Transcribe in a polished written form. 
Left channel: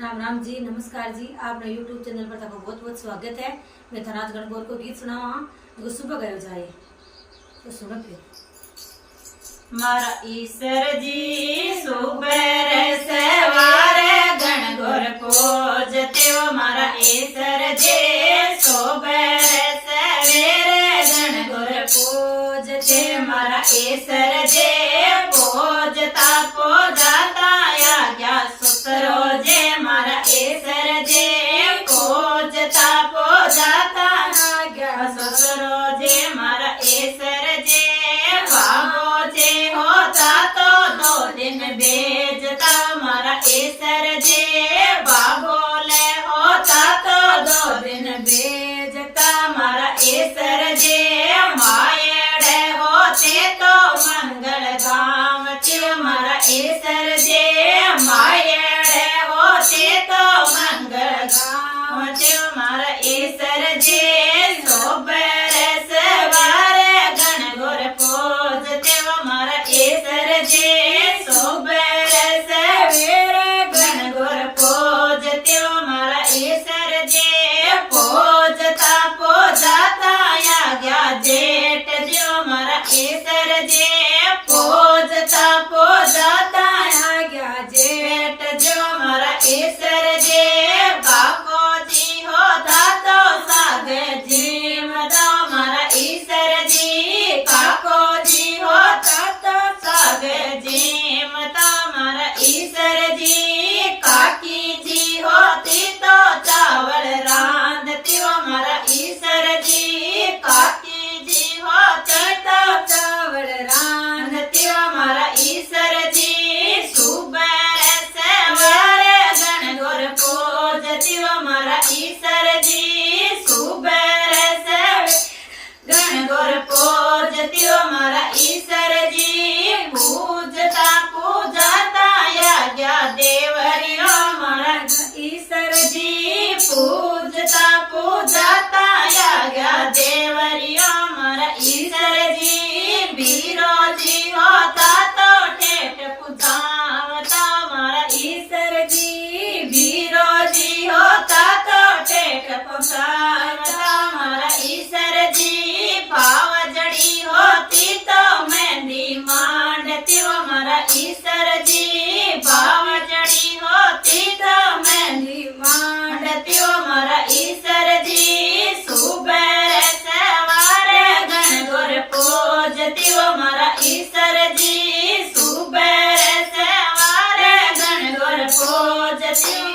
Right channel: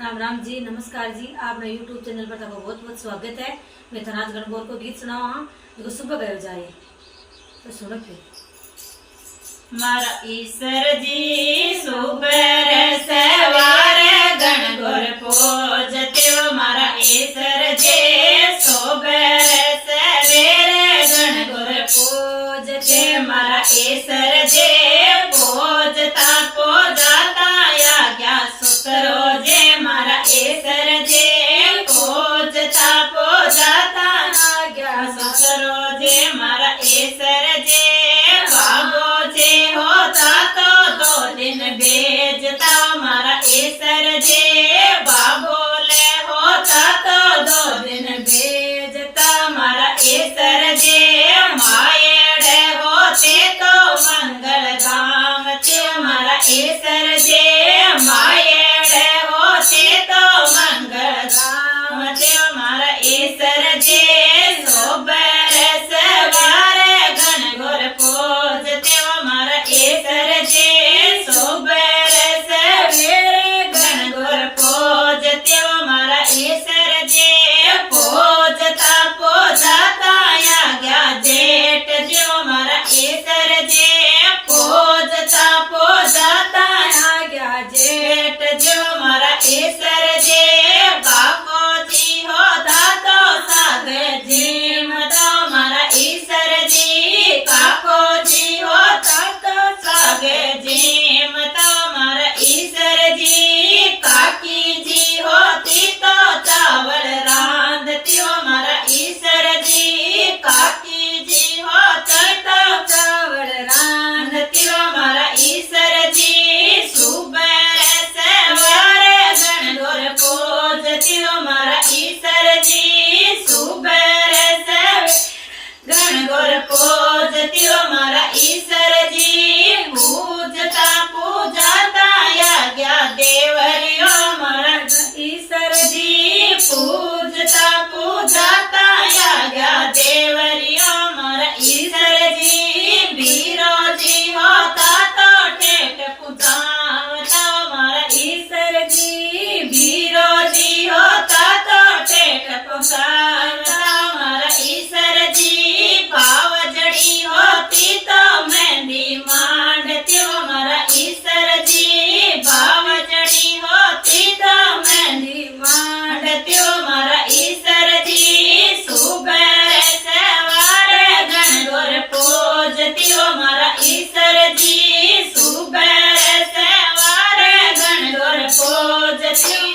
राम राम जी, नमस्कार जी। आपने YouTube channel पर आपका बहुत बहुत स्वागत है। मैं धनराज गणगौर को गीत सुनावा हाँ जो सुबह गयो जाए तो सुनो के मारा ईश्वर जी सुबह सवारे गणगौर पूजते हो। मारा ईश्वर जी सुबह सवेरे गणगौर पूजते। मारा ईश्वर जी पूजता पूजाता आज्ञा सुकरो जे। मारा ईश्वर जी पूजता पूजाता आज्ञा सुकरो जे। मारा ईश्वर जी बाबो जे होता तो 2 दिन भेजता। मारा ईश्वर जी बाबोले होता तो 2 दिन भेजता। मारा ईश्वर जी मायेड़े होते तो मंगल गावते। मारा ईश्वर जी मायेड़े होते तो मंगल गावते। मारा ईश्वर जी सोबरे सवारे गणगौर पूजते हो। मारा ईश्वर जी सोबरे सवेरे गणगौर पूजते हो। मारा ईश्वर जी पूजता पूजाता आज्ञा जेठ जो। मारा ईश्वर जी पूजता पूजाता आज्ञा जेठ जो। मारा ईश्वर जी बापो जी होता तो साग जी मता। मारा ईश्वर जी काको जी होता तो साग जी मता। मारा ईश्वर जी काकी जी होती तो चावल रांधती हो। मारा ईश्वर जी काकी जी होती तो चावल रांधती हो। मारा ईश्वर जी सुबह सवारे गणगौर पूजती हो। मारा ईश्वर जी सुबह सवेरे गणगौर पूजती हो। मारा ईश्वर जी पूजता पूजाता आज्ञा देवरियो। मारा ईश्वर जी पूजता पूजाता आज्ञा देवरियो। मारा ईश्वर जी वीरो जी होता तो ठेठ पुजावता। मारा ईश्वर जी वीरो जी होता तो ठेठ पुजावता। मारा ईश्वर जी पावजड़ी होती तो मेहंदी मांडती हो। मारा ईश्वर जी पावजड़ी होती तो मेहंदी मांडती हो। मारा ईश्वर जी सुबह सवारे गणगौर पूजती हो। मारा ईश्वर जी सुबह सवारे गणगौर पूजती हो।